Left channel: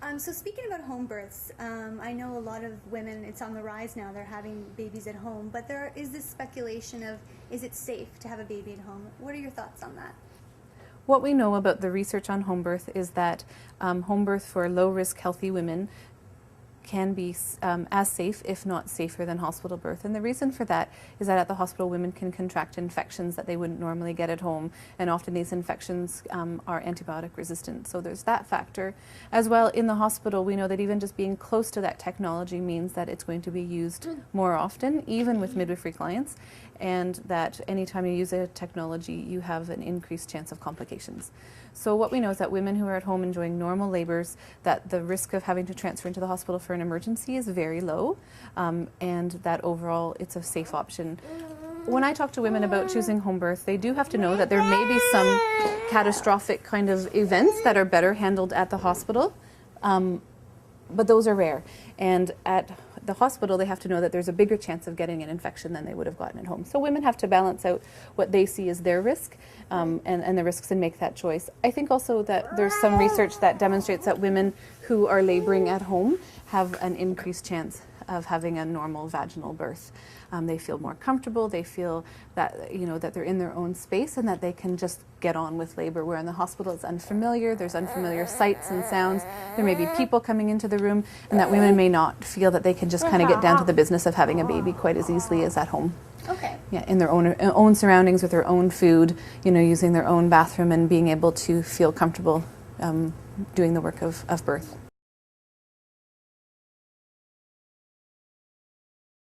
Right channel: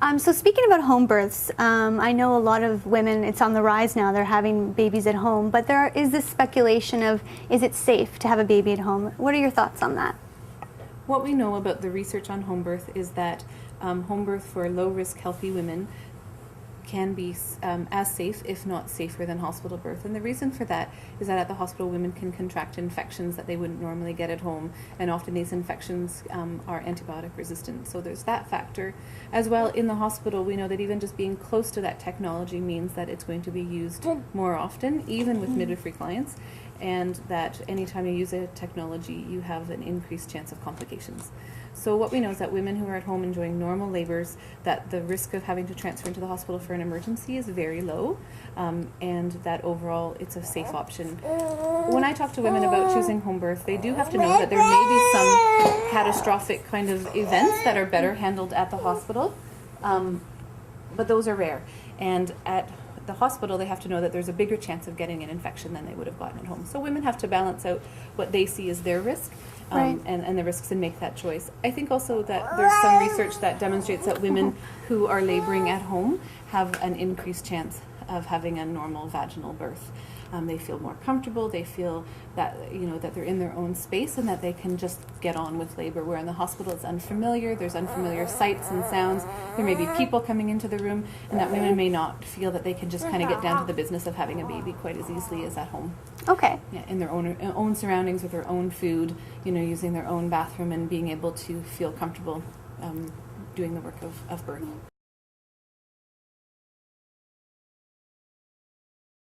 So speaking about home births, I know a lot of women, it's on the rise now, they're having babies at home, but there is this speculation of, is it safe to have a baby at home? What are your thoughts on that? What we know about the research on home birth is that home birth for low-risk healthy women can be as safe, if not safer, than hospital birth. And the reason for that is that at the hospital, women can contract infections that they wouldn't normally get at home, and often these infections are antibiotic resistant. So there's that factor. As well, in the hospital, we know that even just being close to that technology means that it's going to be used more often, even with midwifery clients, and that anytime you use a technology, you have an increased chance of complications. So what we know is that women who are at home enjoying normal labors, that the risk of having to transfer into the hospital for an emergency is very low, and that overall it's a safe option. When I talk to women about choosing home birth, they do have to know that there may be some catastrophic kind of events that are better handled at the hospital, but those are rare. And at the hospital, they have to know that there's a bigger chance of getting an infection than they would have gotten at home. So women have to balance out what they see as their risk and the risks, and make that choice. I think also that there's some research that demonstrates that women who are laboring at home have an increased chance of having a normal vaginal birth. They feel more comfortable, they feel that, that they're in their own space and that they can just get on with labor, where in the hospital it's unfamiliar, there's unfamiliar sights and sounds, there may be people coming into the room, and that women may not feel that they can just kind of get down to the business of having a baby quite as easily as at home. Okay. Yeah, in their own surroundings, with their own food, using their own bathroom, and being able to feel comfortable doing the work of birth.